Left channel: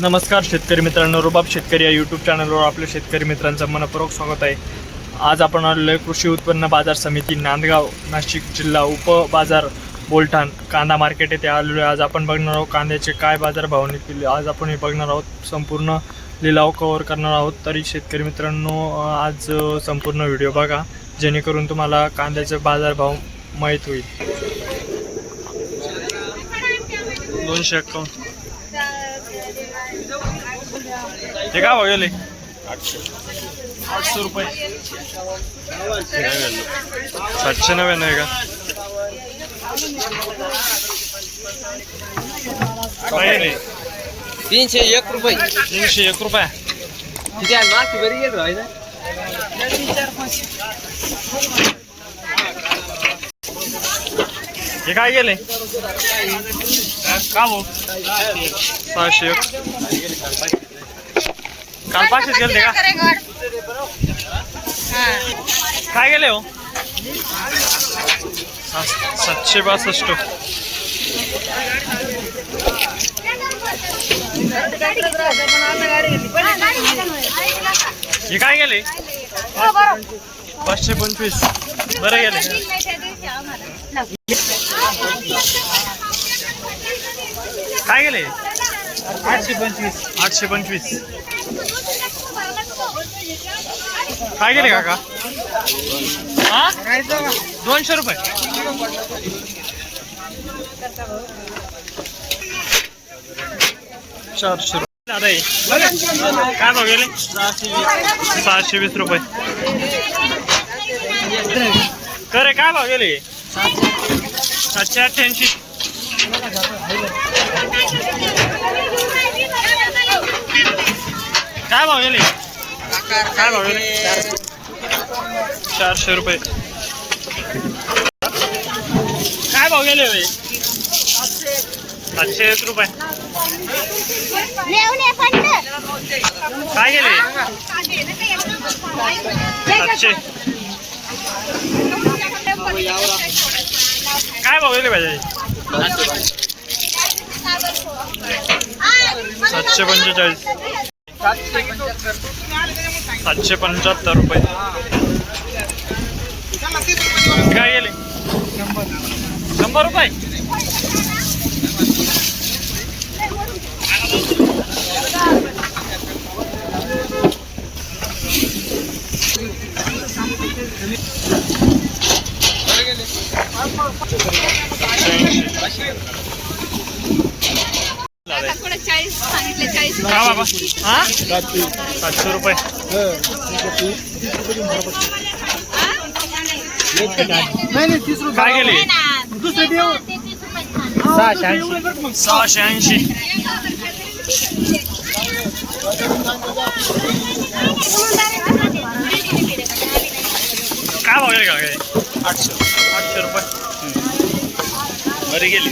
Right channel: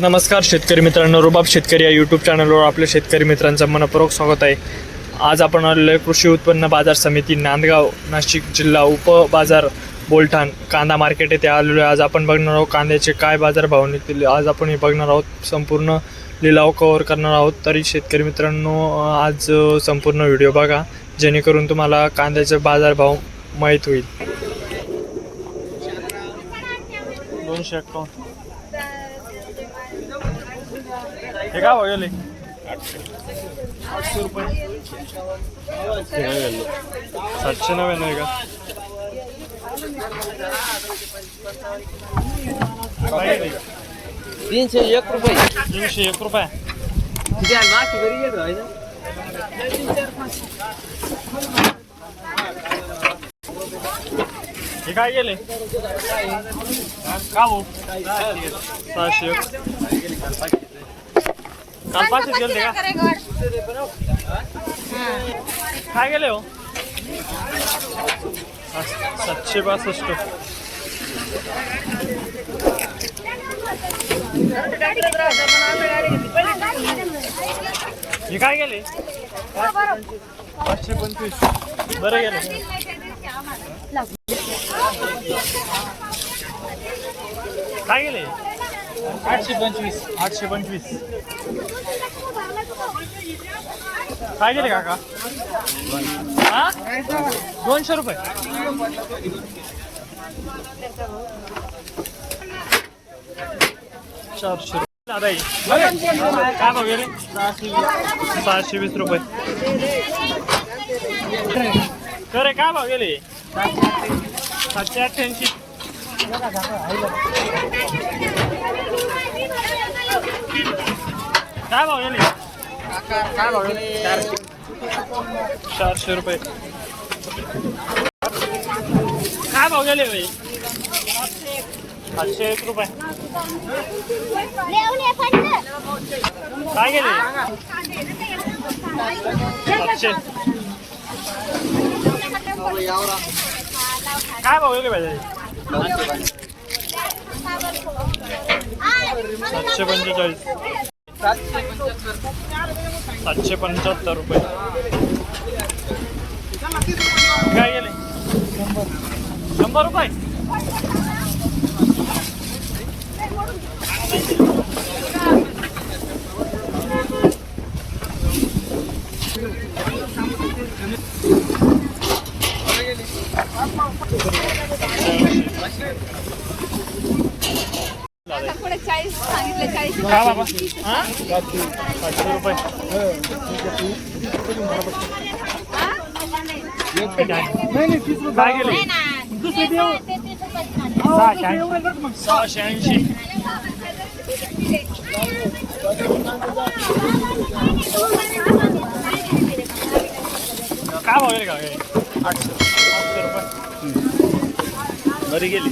नमस्कार शेतकरी मित्रांनो, रुबाब शेतकरी या यूट्यूब चॅनलवर आपल्या शेतकरी मित्रांचं मनपूर्वक स्वागत आहे। आज आपण आलेलो आहे कृषी उत्पन्न बाजार समिती नांदगाव नाशिक जिल्हा उपबाजार बोलठाण कांदा मार्केट येथे आलेलो आहे। आज आपण बघणार आहोत कांद्याचे काय बाजार भाव निघतील। आज आपण हे बघणार आहोत, संपूर्ण लिलाव कव्हर करणार आहोत। तरी शेतकरी मित्रांनो, आज संपूर्ण व्हिडिओ बघा जेणेकरून तुम्हाला कांद्याचे बाजार भाव माहीत होईल। 251 हे काय भाव गेले? 800 रुपये। 799 आहे का? काय रे? 301 रुपये। 301 रुपये। ठीक आहे, माती बरी येत राही ना। हे काय गेले? का भाऊ? 601। काल 500 गेले का? काय गेले हो? 762। हे काय गेले? 525। बरं गेले। काय गेले? 825। काय गेले काका? हा, 200 रुपये। 400 रुपये। काय भाव गेले? 620 रुपये। करे काय भाव गेले? 788। काय भाव गेले? काय भाव गेले? 400 रुपये। काय भाव गेले भाई? 701 रुपये। काय गेले? 700। काय भाव गेले पाहिजे? 745। 775 रुपये। काय गेले? 100 रुपये। का बाबा? हा, 700 रुपये। काय गेले? 680। काय भाव गेले का? 800 रुपये। बरी गेली।